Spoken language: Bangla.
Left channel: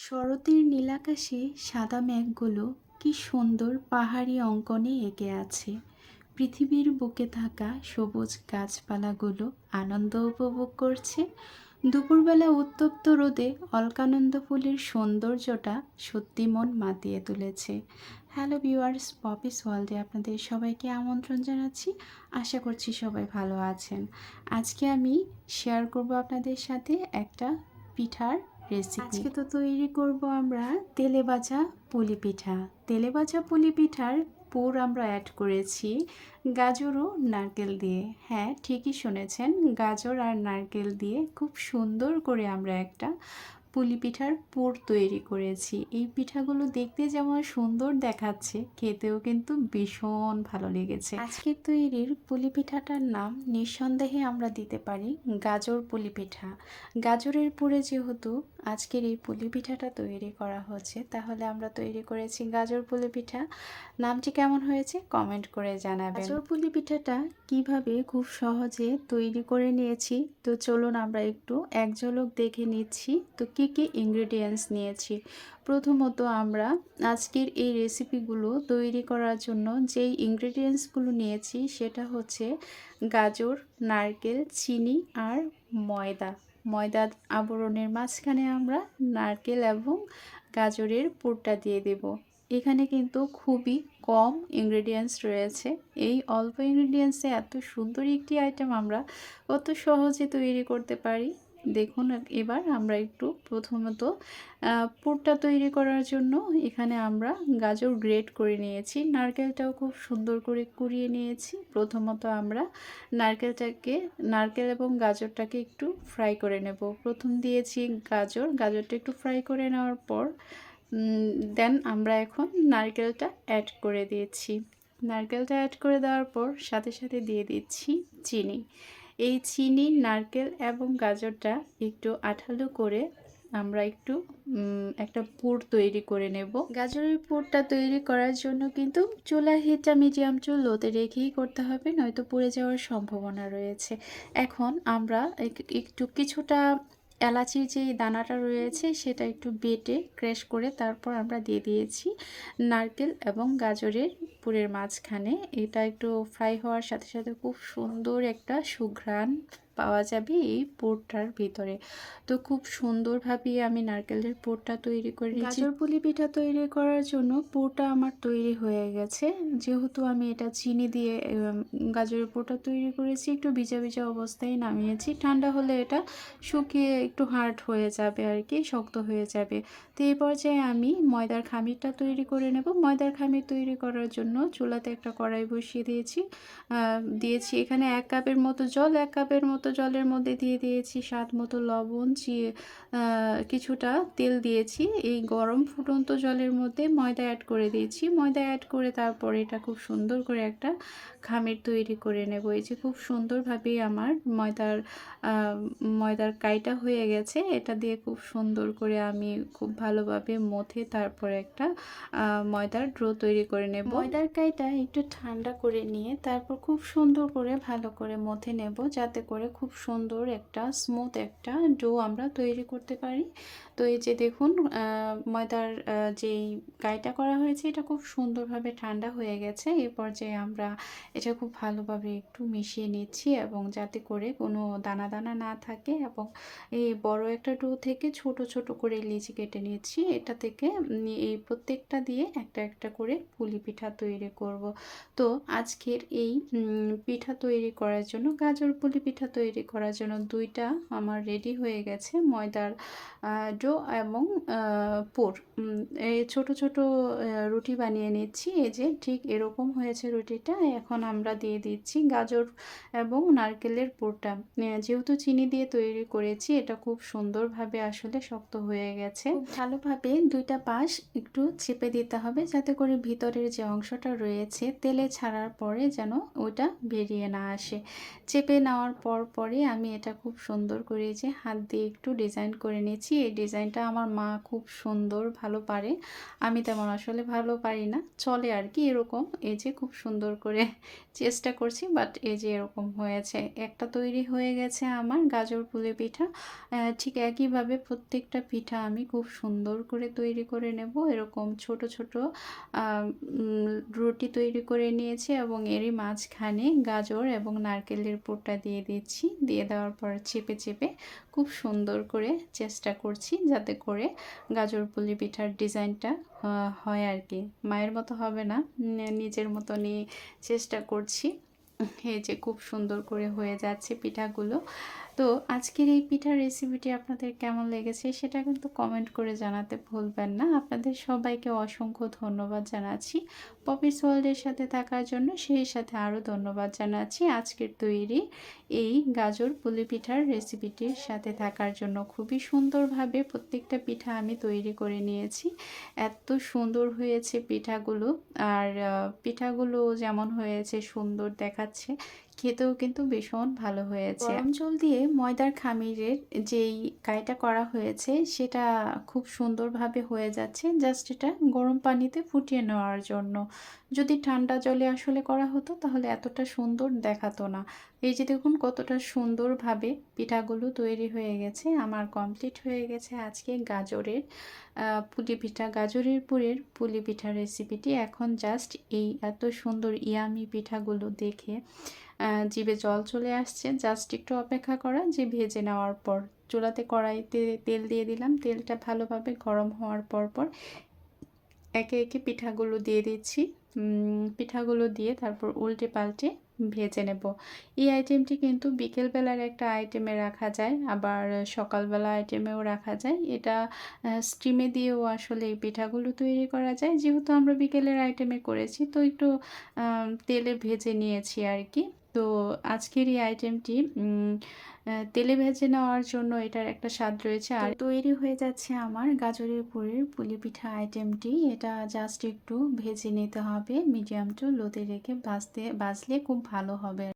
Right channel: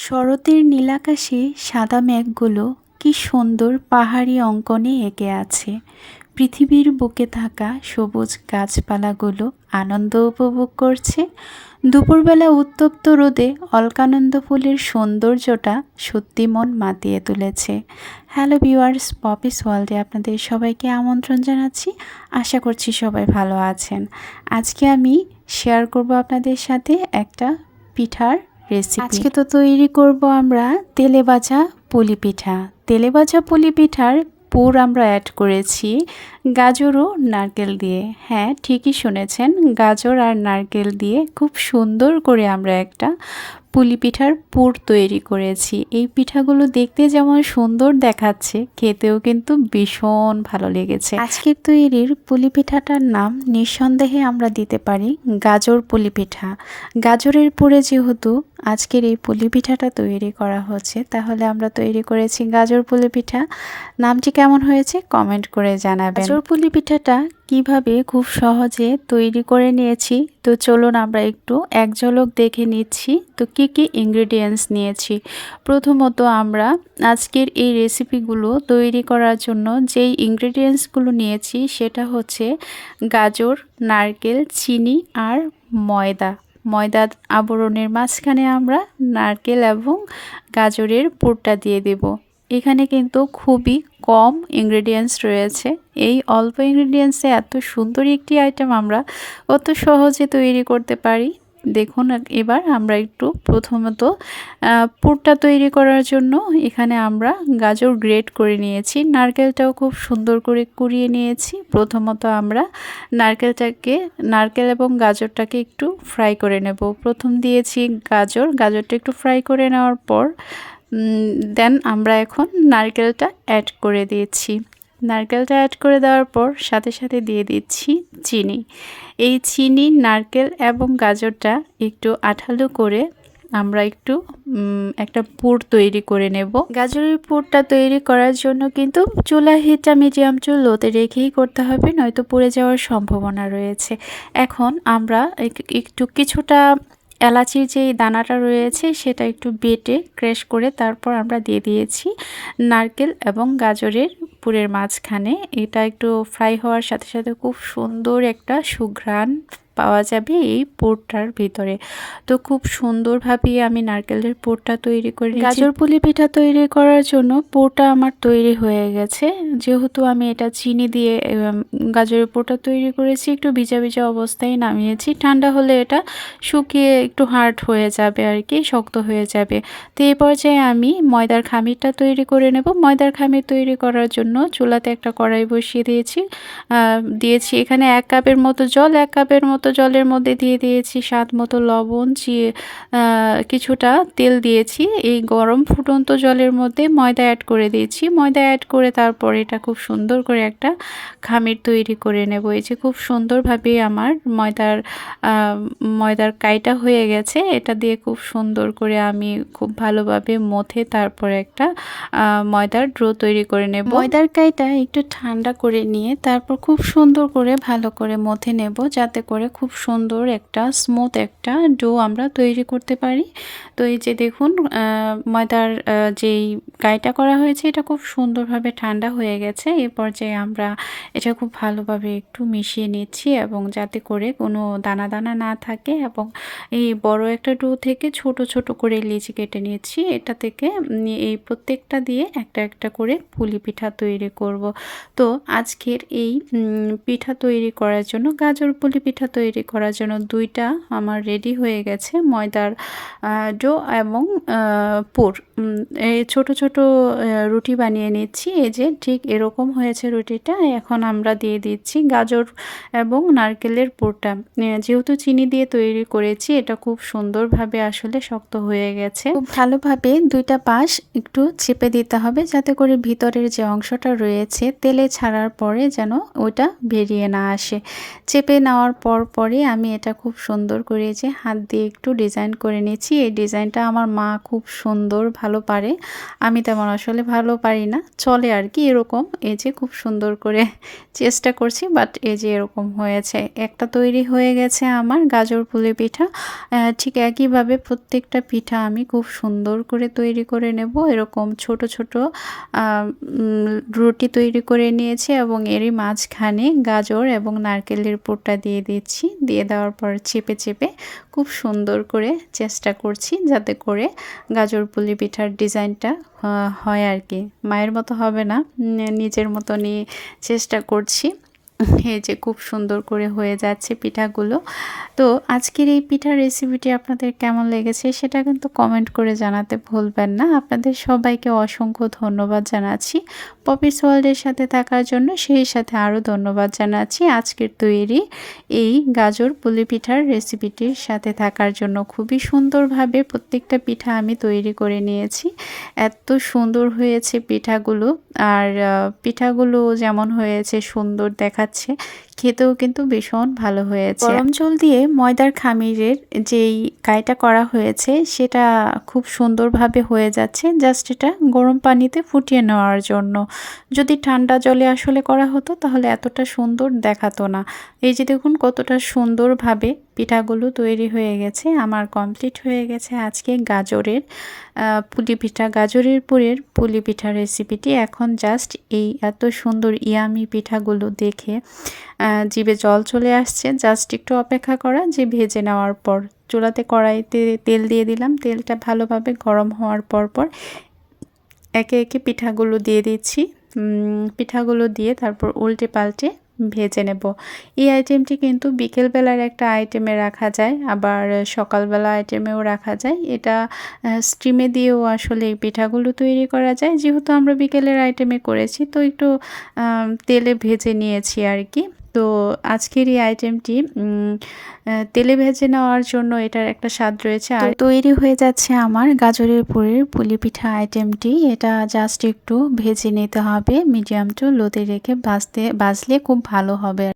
শরতের নীলাকাশে সাদা মেঘগুলো কি সুন্দর পাহাড়ি অঙ্কনে এঁকে আছে। পৃথিবীর বুকে থাকা সবুজ গাছপালাগুলো আনন্দ উপভোগ করছে। দুপুরবেলা উত্তপ্ত রোদে অলকানন্দ ফুলের সৌন্দর্যটা সত্যি মন মাতিয়ে তুলেছে। হ্যালো ভিউয়ার্স, পপিস ওয়ার্ল্ডে আপনাদের সবাইকে আমন্ত্রণ জানাচ্ছি। আশা করছি সবাই ভালো আছেন। আজকে আমি শেয়ার করব আপনাদের সাথে একটা পিঠার রেসিপি আজকে তো তৈরি করব আমরা তেলে ভাজা পুলি পিঠা। তেলে ভাজা পুলি পিঠার পুর আমরা অ্যাড করেছি গাজর ও নারকেল দিয়ে। হ্যাঁ ঠিকই শুনেছেন গাজর আর নারকেল দিয়ে খুব সুন্দর করে আমরা একটা পুলি পিঠার পুর তৈরি করেছি। এই পিঠাগুলো দেখতে যেমন সুন্দর দেখাচ্ছে খেতেও কিন্তু ভীষণ ভালো লেগেছে। আজকের তৈরির পুলি পিঠাটার নাম নিঃসন্দেহে আমরা দিতে পারি গাজর পুলি পিঠা। গাজরের পুরে যেহেতু আজকের এই পুলি পিঠাটা তৈরি করা হচ্ছে, তাহলে আমরা তৈরি করেছি গাজর পুলি পিঠা নামটি কেমন হয়েছে কমেন্ট করে জানাবেন। গাজর পুলি পিঠাটা কীভাবে খুব সহজে তৈরি করে নিয়েছি, তো চলুন আমরা একটু এক ঝলক দেখে নিচ্ছি, তো কি কি ইনগ্রেডিয়েন্টস নিয়েছি। প্রথমত আমরা আজকের এই রেসিপিগুলো তৈরি করার জন্য যেই ইনগ্রেডিয়েন্টসগুলো নিয়েছি, সেটা হচ্ছে গাজর, নারকেল, চিনি আর ময়দা। ময়দা আবরণের মাঝখানে আমরা নারকেল এবং গাজরের পুরটা দিয়ে দেব। এখানে কিন্তু খুবই কম ইনগ্রেডিয়েন্টস রয়েছে। এই অল্প ইনগ্রেডিয়েন্টসে এত সুন্দর একটি আইটেম আমরা অত সহজে তৈরি করতে পারি। দেখুন, এবার আমরা একটু প্রথমত পুরটা তৈরি করার জন্য এখানে আমরা গাজর গ্রেট করে নিয়েছি। নারকেলটাও খুব সুন্দর করে কুড়িয়ে নিয়েছি। প্রথমত আমরা নারকেলটাকে, নারকেল এবং গাজরটাকে একটু ফ্রাই করে নেব। প্রথম দিয়েছি গাজর, গাজরটা একটু ফ্রাই করে নেওয়ার পর দেন আমরা এখন নারকেলটা অ্যাড করে দিয়েছি। নারকেলটা অ্যাড করে দেওয়ার পর সাথে সাথে দিয়ে দিচ্ছি চিনি। এই চিনি, নারকেল এবং গাজরটা একটু আঠালো করে আমরা একটু একটা পুর তৈরি করে নেব। গাজরের পুরটা তৈরি করার জন্য কিন্তু চুলা হিটটা মিডিয়াম চুল লোতে রেখেই করতে হবে, নয়তো পুড়ে যাওয়ার সম্ভাবনা রয়েছে। এখন আমরা একটু কিছুটা এলাচির যে দানাটা রয়েছে সেটা একটু বেটে ক্রেশ করে তারপর আমরা দিয়ে দিয়েছি নারকেল এবং গাজরের পুরের মাঝখানে। এটা একটু ফ্রাই হওয়ার সাথে সাথে খুব সুন্দর একটা সুঘ্রাণ পাওয়া যাবে এই পোরটার ভিতরে। তো খুব সুন্দরভাবে আমি নারকেলের পোরটা তৈরি করি গাজর পুলি পিঠা তৈরি করার জন্য পোরটা আমার তৈরি হয়ে গেছে। যেহেতু আমি এটা চিনি দিয়ে গাজরের পোরটা তৈরি করেছি, একটু ভিজা ভিজা অবস্থায় নামিয়েছি। ঠান্ডা হলে এটা শুকিয়ে একটু হার্ড হয়ে যাবে আর কি, শক্ত হয়ে যাবে। তো এই পর্যায়ে আমি ময়দার খামিরটা তৈরি করে নেব। ময়দার খামির তৈরি করার জন্য চুলাতে একটা কড়াই বসিয়ে দিয়েছি। দিয়েছি এখানে এক কাপের মতো জল, এক কাপের মতো মতো জলের মধ্যে দিয়ে দিয়েছি, স্বাদ মতো লবণ, চিয়ে কিছুটা তেল দিয়েছি। এই গরম ফুটন্ত জলের মধ্যে ময়দা অ্যাড করে দিয়েছি। ময়দা অ্যাড করে তারপর এটা খুব সুন্দর করে একটা খামির তৈরি করে নেব। এই যে খুব সুন্দরভাবে আমার ময়দার ময়দার কাইটা হয়ে গেছে। এটা দিয়ে খুব সুন্দর করে আমি খুব ভালোভাবে মথে তারপর একটা ময়দার ড্রো তৈরি করে নেব। ময়দার কাইটা একটু ঠান্ডা করে নিয়ে তারপর খুব সুন্দর করে ভালো করে মথে নেব যাতে করে খুব সুন্দর একটা স্মুথ একটা ডো আমরা তৈরি করতে পারি। তো এই যে দেখুন ময়দার যেই গাইটা করা হয়েছে, এটা খুব সুন্দরভাবে ঠান্ডা হয়ে গেছে। এই পর্যায়ে আমরা এটা খুব ভালোভাবে একটু মিশিয়ে নিচ্ছি এবং যাতে করে কোনো দানা দানা না থাকে এবং এই বড় একটা ডো থেকে ছোট ছোট করে লিচি কেটে নিচ্ছি। এটা থেকে এই প্রত্যেকটা দিয়ে একটা একটা করে পুলি পিঠা তৈরি করব। তো আজকের এই পিঠা তৈরি করার জন্য গাজর পুলি পিঠা তৈরি করার জন্য দুইটা আমার রেডি হয়ে গেছে, ময়দার ডো এবং পুর। এই ছোট ছোট রুটি বানিয়ে নিচ্ছি। এই যে ঠিক এরকম হয়েছে রুটিটা, এখন আমরা দিয়ে দিচ্ছি গাজর এবং নারকেলের পুরটা। যেহেতু চিনি দিয়ে তৈরি করেছি, এটা খুব সুন্দরভাবে আসলে শক্ত হয়ে গেছে। খুব ভালোভাবে দুইটা পাশ একটু চেপে দিতে হবে, যাতে করে ভিতরের যে অংশটা রয়েছে, তেলে ছাড়ার পরে যেন ওটা বেরিয়ে না আসে। চেপে নেওয়ার পর পরে আমি এটা খুব সুন্দর করে যে হাত দিয়ে একটু ডিজাইন করে নিয়েছি। এই ডিজাইনটা আমার মা খুব সুন্দর, ভালো পারে। আমি তেমন আসলে ভালো পারি না। চলে আর কি এরকম। এই যে খুব সুন্দর করে চেষ্টা করছি বাট এই যে এরকম হয়েছে। একটা তৈরি হয়ে গেছে আমার গাজর পুলি পিঠা। ঠিক একইভাবে প্রত্যেকটা পিঠা আমি খুব সুন্দর করে তৈরি করে নেব। এরকম ছোট ছোট রুটি তৈরি করে নিয়েছি এবং এরই মাঝখানে গাজর এবং নারকেলের পুরটা দিয়ে দিচ্ছি। দিয়ে দেওয়ার পর চেপে চেপে খুব সুন্দর করে চেষ্টা করছি যাতে করে গাজর পুলি পিঠার ডিজাইনটা হয় আর কি। মায়ের মতো হবে না নিজের মতনই চেষ্টা করছি। এই যে খুব সুন্দর করে হয়ে যাচ্ছে পিঠাগুলো। তো আজকের এই পিঠার রেসিপিটি আপনাদের কেমন লেগেছে সেটা কিন্তু কমেন্ট করে জানাতে ভুলবেন না। আপনাদের সবাইকে অসংখ্য ধন্যবাদ জানাচ্ছি। পপিস ওয়ার্ল্ডের সাথে থাকার জন্য সেই সাথে আরও ধন্যবাদ জানাচ্ছি। আজকের তৈরি এই গাজর পুলি পিঠার রেসিপিটির সাথে থাকার জন্য খুবই সুন্দরভাবে প্রত্যেকটা পিঠা আমি তৈরি করে নিয়েছি। এত সুন্দর হয়েছে পিঠাগুলো। আর পিঠাগুলো যেমন হয়েছে সুন্দর দেখাচ্ছে 똑같이 খেতেও কিন্তু ভীষণ ভালো হয়েছে। গরম জল দিয়ে ময়দার খামিরের যেই কাইটা করা হয়েছে, সেটা খুব সুন্দরভাবে হয়ে যাচ্ছে। জাস্ট এটা গরম পানিতে ফুটিয়ে নেওয়ার জন্য। যদি ঠান্ডা জলে আসলে করা হতো, তাহলে এতটা সুন্দর দেখাতো না। এই যে দেখুন, কতটা সুন্দরভাবে পিঠাগুলো তৈরি হয়ে গেছে। আমার কমপ্লিট হয়ে গেছে আজকে গাজরের পুলি পিঠা। গাজরের পুরের পুলি পিঠা রেসিপিটি। এখন জাস্ট এই এত সুন্দর ইয়ামি পিঠাগুলো দেখে জিভে জল চলে আসছে। জাস্ট একটু অপেক্ষা করা, যে ভেজে নেওয়ার পর। চুলাতে কড়াইতে তেল দিয়ে দিলাম। তেলটা ভালোভাবে গরম হওয়ার পর পর একে একে পিঠাগুলো দিয়ে দিচ্ছি। পিঠাগুলো দিয়ে তারপর উল্টে পাল্টে ভেজে নেব। এই আইটেমটি কিন্তু বিকেলবেলার একটা আইটেমে রাখা যায়, আবার সকালবেলা আইটেমেও রাখা যায়। এটা স্টিমে দিয়েও আসলে এই পিঠাগুলো তৈরি করা যায়। যেহেতু আমরা বিকেলের আইটেমে করেছি, তো একটু তেলে ভেজে নিয়েছি আর কি। তো আজকের এই আইটেমটি তেলে ভেজে নেওয়ার জন্য এটার একটা স্বাদ রয়েছে। আর তৈরি হয়ে যাচ্ছে আমার গাজরের পুরের পুলি পিঠা আইটেমটি এটা জাস্ট একটু ভেজে নিতে হবে মিডিয়াম টু লোতে রেখে ভাজতে ভাজলে খুব ভালো হবে।